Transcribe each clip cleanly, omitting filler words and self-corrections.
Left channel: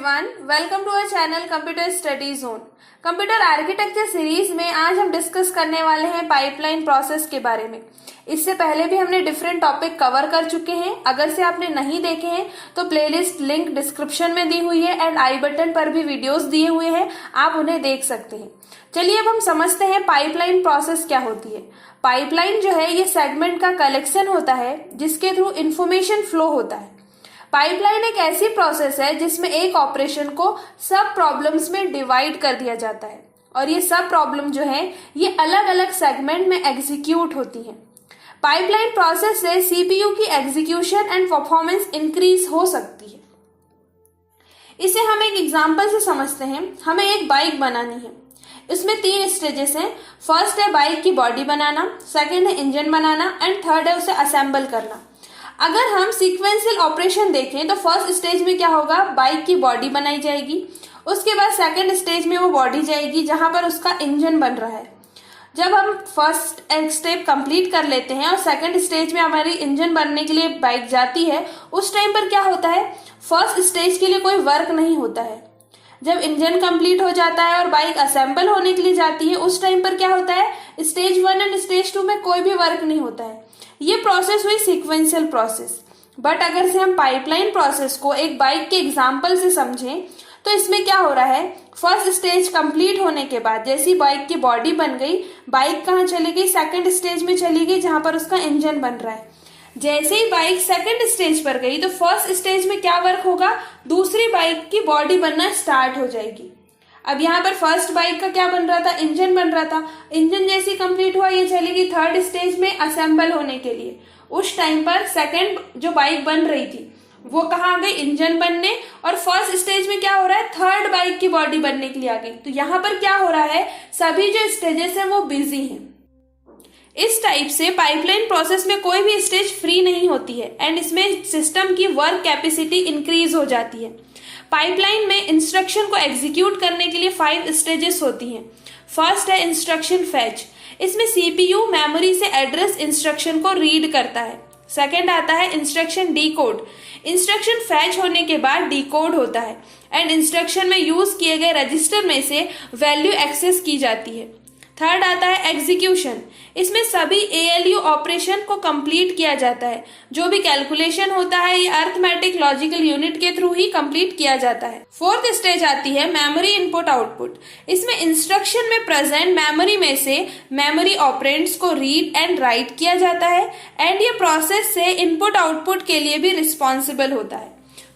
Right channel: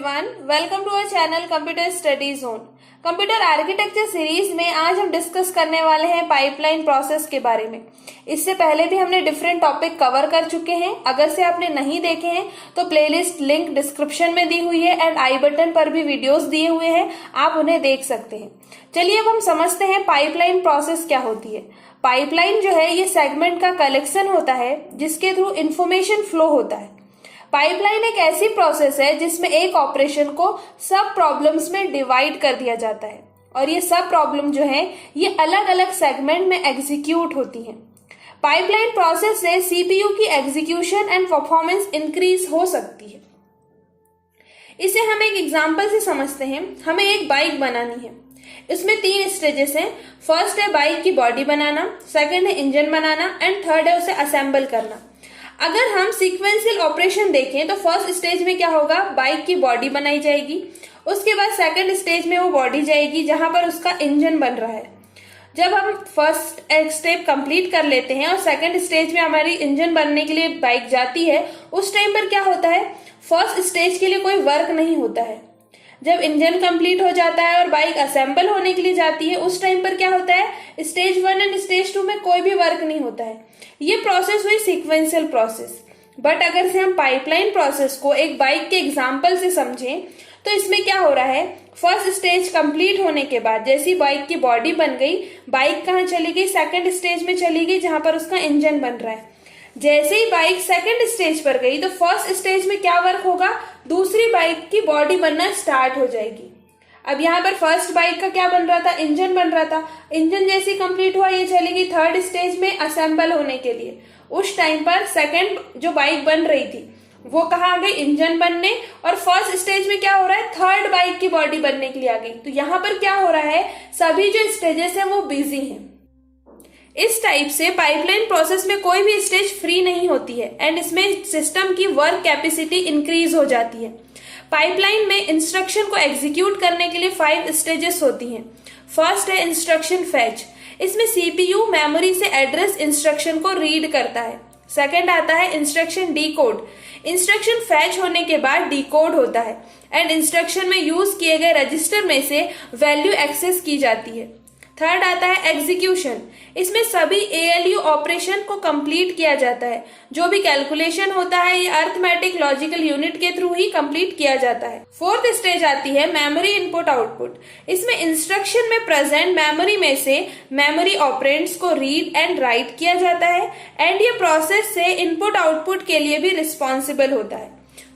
Everyone, welcome to our channel computer study zone. Computer architecture series में आज हम discuss करने वाले हैं पाइपलाइन प्रोसेस के बारे में। इससे पहले भी हमने डिफरेंट टॉपिक कवर कर चुके हैं। अगर से आपने नहीं देखे हैं तो प्लेलिस्ट लिंक डिस्क्रिप्शन में दी हुई है एंड आई बटन पर भी वीडियोस दिए हुए हैं, आप उन्हें देख सकते हैं। चलिए अब हम समझते हैं पाइपलाइन प्रोसेस क्या होती है। पाइपलाइन जो है ये सेगमेंट का कलेक्शन होता है जिसके थ्रू इंफॉर्मेशन फ्लो होता है। पाइपलाइन एक ऐसी प्रोसेस है जिसमें एक ऑपरेशन को सब प्रॉब्लम्स में डिवाइड कर दिया जाता है और ये सब प्रॉब्लम जो है ये अलग अलग सेगमेंट में एग्जीक्यूट होती हैं। पाइपलाइन प्रोसेस से सीपीयू की एग्जीक्यूशन एंड परफॉर्मेंस इंक्रीज हो सकती है। इसे हम एक एग्जांपल से समझते हैं। हमें एक बाइक बनानी है। इसमें 3 स्टेजेस हैं। फर्स्ट है बाइक की बॉडी बनाना, सेकंड है इंजन बनाना एंड थर्ड है उसे असेंबल करना। अगर हम सीक्वेंशियल ऑपरेशन देखें तो फर्स्ट स्टेज में क्या होगा, बाइक की बॉडी बनाई जाएगी। उसके बाद सेकंड स्टेज में वो बॉडी जाएगी जहां पर उसका इंजन बन रहा है। जब हम फर्स्ट स्टेप कंप्लीट कर लेते हैं और सेकंड स्टेज में हमारी इंजन बनने के लिए बाइक जाती है, उस टाइम पर क्या होता है, फर्स्ट स्टेज के लिए कोई वर्क नहीं होता है। जब इंजन कंप्लीट हो जाता है और बाइक असेंबल होने के लिए जाती है, उस टाइम पर क्या होता है, स्टेज 1 एंड स्टेज 2 में कोई भी वर्क नहीं होता है। ये प्रोसेस हुई सीक्वेंशियल प्रोसेस। बट अगर से हम पाइपलाइन प्रोसेस को एक बाइक के एग्जांपल से समझें तो इसमें क्या हो रहा है, फर्स्ट स्टेज कंप्लीट होने के बाद जैसी बाइक की बॉडी बन गई, बाइक कहाँ चली गई, सेकंड स्टेज में चली गई जहां पर उसका इंजन बन रहा है। जैसे ही बाइक सेकंड स्टेज पर गई तो फर्स्ट स्टेज में क्या वर्क होगा, दूसरी बाइक की बॉडी बनना स्टार्ट हो जाएगी। अब यहाँ पर फर्स्ट बाइक का क्या बन रहा था, इंजन बन रहा था। इंजन जैसे कंप्लीट हुआ ये चलेगी थर्ड स्टेज में असेंबल होने के लिए। उस टाइम पर सेकंड जो बाइक बन रही थी वो कहाँ आ गई, इंजन बनने, और फर्स्ट स्टेज में क्या हो रहा है, थर्ड बाइक की बॉडी बनने के लिए आ गई। तो यहाँ पर क्या हो रहा है, सभी जो स्टेजेस हैं वो बिजी हैं। इस टाइप से पाइपलाइन प्रोसेस में कोई भी स्टेज फ्री नहीं होती है एंड इसमें सिस्टम की वर्क कैपेसिटी इंक्रीज हो जाती है। पाइपलाइन में इंस्ट्रक्शन को एग्जीक्यूट करने के लिए 5 स्टेजेस होती हैं। फर्स्ट है इंस्ट्रक्शन फैच। इसमें सीपीयू मेमोरी से एड्रेस इंस्ट्रक्शन को रीड करता है। सेकंड आता है इंस्ट्रक्शन डीकोड। इंस्ट्रक्शन फैच होने के बाद डीकोड होता है एंड इंस्ट्रक्शन में यूज किए गए रजिस्टर में से वैल्यू एक्सेस की जाती है। थर्ड आता है एग्जीक्यूशन। इसमें सभी एएलयू ऑपरेशन को कंप्लीट किया जाता है। जो भी कैलकुलेशन होता है ये अरिथमेटिक लॉजिकल यूनिट के थ्रू ही कंप्लीट किया जाता है। फोर्थ स्टेज आती है मेमोरी इनपुट आउटपुट। इसमें इंस्ट्रक्शन में प्रेजेंट मेमोरी में से मेमोरी ऑपरेंड्स को रीड एंड राइट किया जाता है एंड ये प्रोसेस से इनपुट आउटपुट के लिए भी रिस्पॉन्सिबल होता है।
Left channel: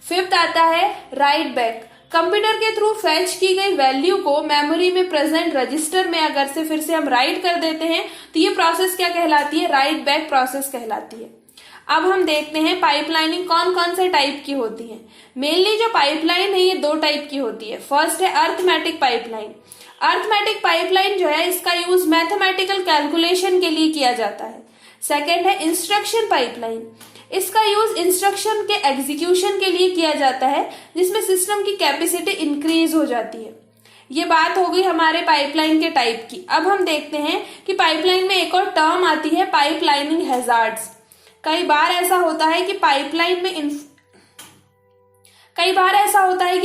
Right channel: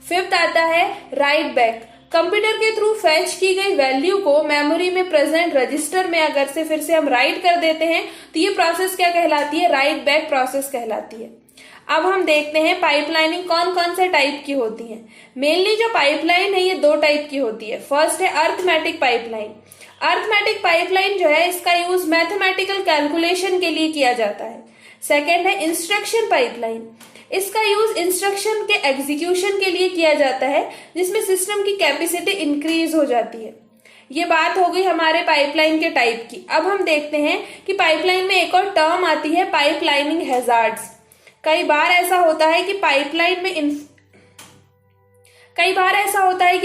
फिफ्थ आता है राइट बैक। कंप्यूटर के थ्रू फैच की गई वैल्यू को मेमोरी में प्रेजेंट रजिस्टर में अगर से फिर से हम राइट कर देते हैं तो ये प्रोसेस क्या कहलाती है, राइट बैक प्रोसेस कहलाती है। अब हम देखते हैं पाइपलाइनिंग कौन कौन से टाइप की होती है। मेनली जो पाइपलाइन है ये 2 टाइप की होती है। फर्स्ट है अरिथमेटिक पाइपलाइन। अरिथमेटिक पाइपलाइन जो है इसका यूज मैथमेटिकल कैलकुलेशन के लिए किया जाता है। सेकेंड है इंस्ट्रक्शन पाइपलाइन। इसका यूज इंस्ट्रक्शन के एग्जीक्यूशन के लिए किया जाता है जिसमें सिस्टम की कैपेसिटी इंक्रीज हो जाती है। ये बात हो गई हमारे पाइपलाइन के टाइप की। अब हम देखते हैं कि पाइपलाइन में एक और टर्म आती है पाइपलाइनिंग हैजार्ड्स। कई बार ऐसा होता है कि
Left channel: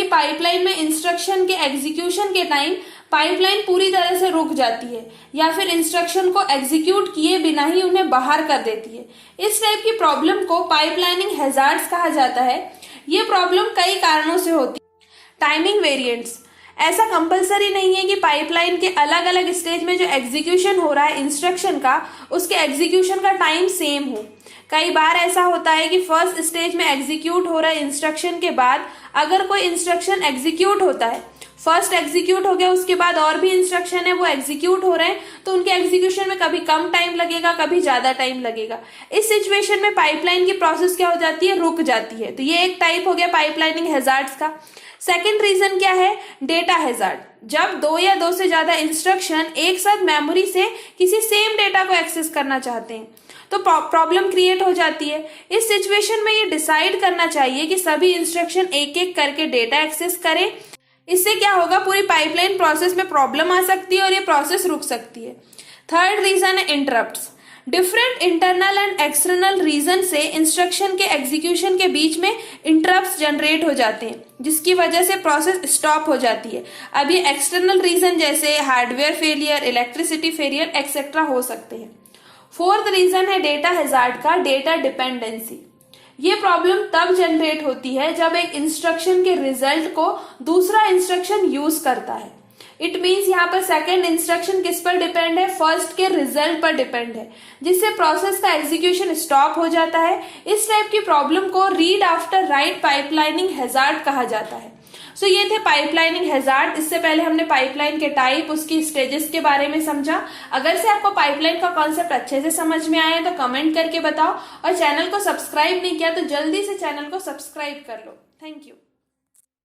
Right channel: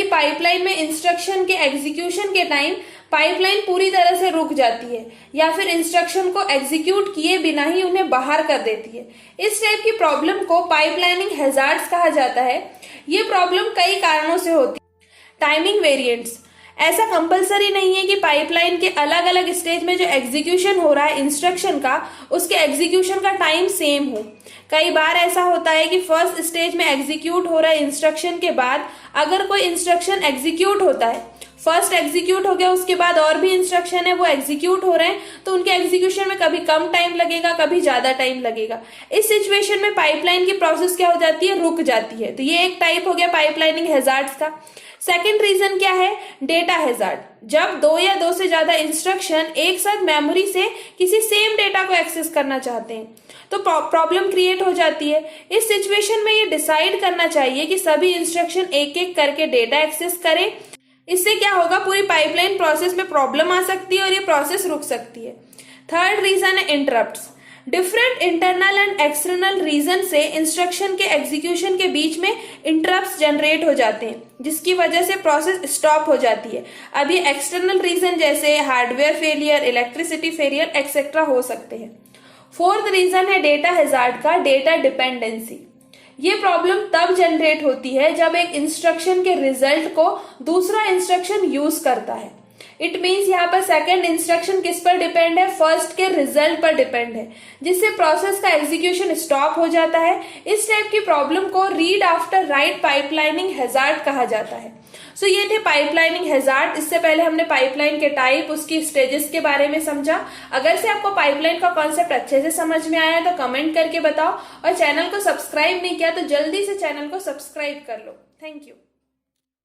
पाइपलाइन में इंस्ट्रक्शन के एग्जीक्यूशन के टाइम पाइपलाइन पूरी तरह से रुक जाती है या फिर इंस्ट्रक्शन को एग्जीक्यूट किए बिना ही उन्हें बाहर कर देती है। इस टाइप की प्रॉब्लम को पाइपलाइनिंग हैजार्ड्स कहा जाता है। ये प्रॉब्लम कई कारणों से होती है। Timing variants. ऐसा कंपलसरी नहीं है कि पाइपलाइन के अलग अलग स्टेज में जो एग्जीक्यूशन हो रहा है इंस्ट्रक्शन का, उसके एग्जीक्यूशन का टाइम सेम हो। कई बार ऐसा होता है कि फर्स्ट स्टेज में एग्जीक्यूट हो रहा है इंस्ट्रक्शन के बाद अगर कोई इंस्ट्रक्शन एग्जीक्यूट होता है, फर्स्ट एग्जीक्यूट हो गया उसके बाद और भी इंस्ट्रक्शन है वो एग्जीक्यूट हो रहे हैं, तो उनके एग्जीक्यूशन में कभी कम टाइम लगेगा कभी ज्यादा टाइम लगेगा। इस सिचुएशन में पाइपलाइन की प्रोसेस क्या हो जाती है, रुक जाती है। तो ये एक टाइप हो गया पाइपलाइनिंग हैजार्ड्स का। सेकेंड रीजन क्या है, डेटा हैजार्ड। जब 2 या 2 से ज्यादा इंस्ट्रक्शन एक साथ मेमोरी से किसी सेम डेटा को एक्सेस करना चाहते हैं तो प्रॉब्लम क्रिएट हो जाती है। इस सिचुएशन में ये डिसाइड करना चाहिए कि सभी इंस्ट्रक्शन एक एक करके डेटा एक्सेस करें। इससे क्या होगा, पूरी पाइपलाइन प्रोसेस में प्रॉब्लम आ सकती है और ये प्रोसेस रुक सकती है। थर्ड रीजन है interrupts. Different internal and external reason से इंस्ट्रक्शन के एग्जीक्यूशन के बीच में इंटरप्ट्स जनरेट हो जाते हैं, जिसकी वजह से प्रोसेस स्टॉप हो जाती है। अब ये एक्सटर्नल रीजन जैसे hardware failure, electricity failure etcetera हो सकते हैं। फोर्थ रीजन है डेटा हैजार्ड का, डेटा डिपेंडेंसी। ये प्रॉब्लम तब जनरेट होती है जब एक इंस्ट्रक्शन के रिजल्ट को दूसरा इंस्ट्रक्शन यूज करता है। इट मीन्स यहाँ पर सेकंड इंस्ट्रक्शन किस पर डिपेंड है, फर्स्ट के रिजल्ट पर डिपेंड है, जिससे प्रोसेस का एग्जीक्यूशन स्टॉप हो जाता है। इस टाइप की प्रॉब्लम को read after right pipelining hazard कहा जाता है। सो ये थे पाइपलाइनिंग हैजार्ड। इससे पहले हमने पाइपलाइन के टाइप, उसकी स्टेजेस के बारे में समझा। अगर से आपको पाइपलाइन का कॉन्सेप्ट अच्छे से समझ में आया तो कमेंट करके बताओ, और चैनल को सब्सक्राइब नहीं किया तो जल्दी से चैनल को सब्सक्राइब कर लो। Thank you.